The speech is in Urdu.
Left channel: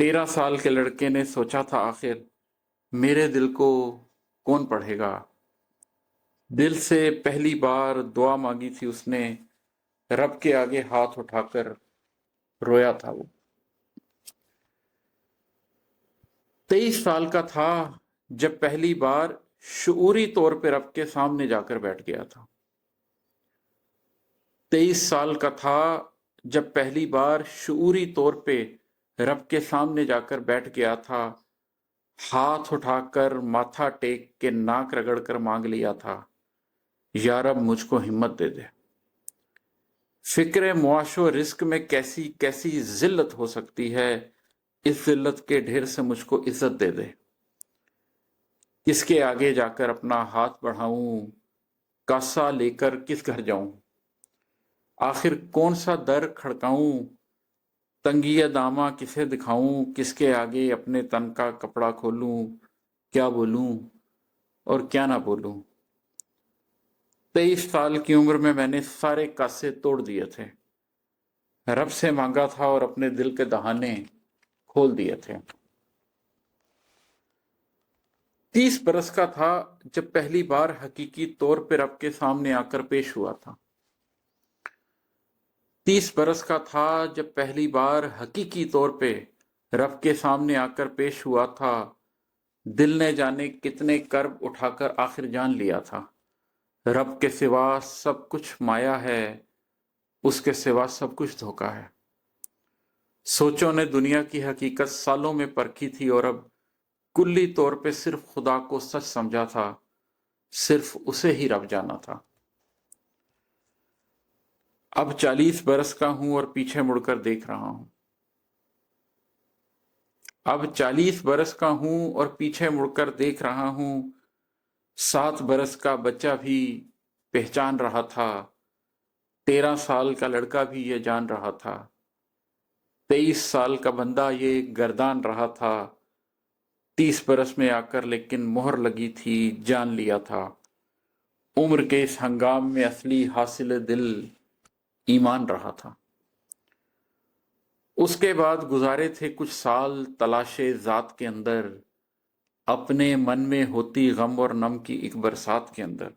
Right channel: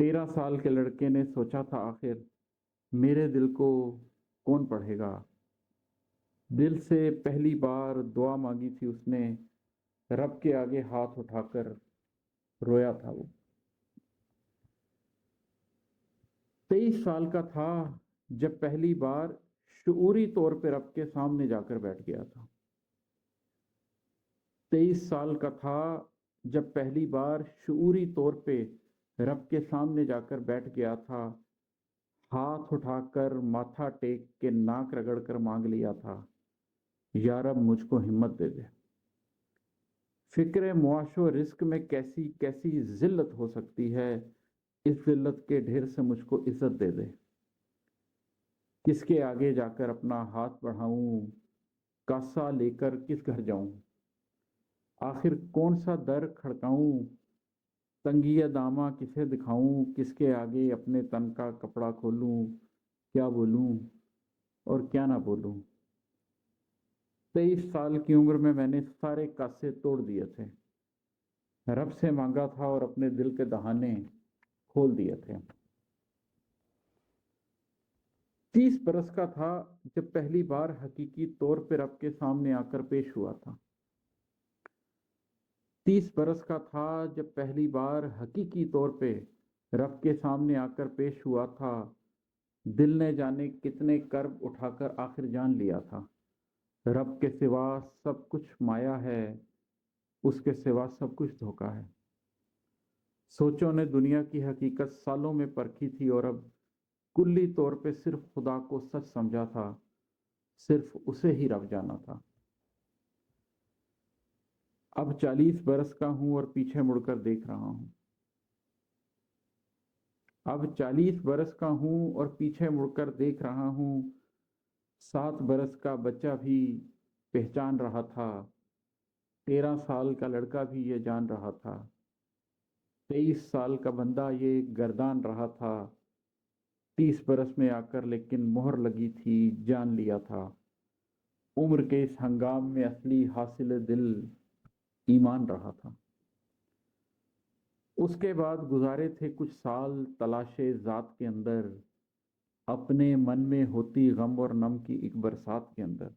13 سال کے لڑکے نے سوچا تھا آخر میرے دل کو کون پڑھے گا۔ دل سے پہلی بار دعا مانگی تھی اس نے، رب کے آگے ہاتھ اٹھا کر رویا تھا وہ۔ 23 سال کا تھا جب پہلی بار شعوری طور پہ رب کے سامنے جا کر بیٹھ گیا تھا۔ 23 سال کا تھا جب پہلی بار شعوری طور پہ رب کے سامنے جا کر بیٹھ گیا تھا، ہاتھ اٹھا کر ماتھا ٹیک کے ناک رگڑ کر مانگ لیا تھا، یا رب مجھ کو ہمت دے دے۔ فکر معاش و رزق میں کیسی کیسی ذلت ہو سکتی ہے، اس ذلت کے ڈھیر سے مجھ کو عزت دے دے۔ کس کے آگے جا کر اپنا ہاتھ بڑھاؤں، کاسا لے کر کس گھر جاؤں، آخر کون سا در کھڑکاؤں، تنگی داماں کسے دکھاؤں، کس کے آگے اپنے تن کا کپڑا کھولوں، کیا بولوں اور کیا نہ بولوں۔ 23 سال کی عمر میں نے سارے کاسے توڑ دیے تھے، رب سے مانگا تھا اور اپنے دل کے دہانے کھول دیے تھے۔ 30 برس کا تھا جب پہلی بار حقیقی طور پہ رب کے سامنے آ کر پیش ہوا تھا۔ 30 برس کا تھا جب پہلی بار حقیقی طور پہ رب کے سامنے آ کر پیش ہوا تھا، دل نے جانے کتنے کرب اٹھا کر آخر جان لیا تھا، رب کے سوا سب کچھ مایا ہے، اس کے سوا سب کچھ دھوکا ہے۔ سوچوں نے دنیا کی حقیقت سالوں میں پرکھی تھی اور اب کلی طور پہ صرف خدا کو سچ سمجھا تھا، صرف اسے ہی رب جانا تھا۔ اب 40 برس کا ہوں اور پیچھے مڑ کر دیکھ رہا ہوں۔ اب 40 برس کا ہوں اور پیچھے مڑ کر دیکھ رہا ہوں، 7 برس کا بچہ بھی پہچان رہا تھا، 13 سال کا لڑکا بھی یہ جان رہا تھا، 23 سال کا بندہ یہ گردان رہا تھا، 30 برس میں آ کر لیکن مہر لگی تھی، جان لیا تھا۔ عمر کے اس ہنگام میں اصلی حاصل دل ایمان رہا تھا۔ اس کے بعد گزارے تھے کچھ سال تلاش ذات کے اندر، اپنے من میں ہوتی غم اور نم کی ایک برسات کے اندر۔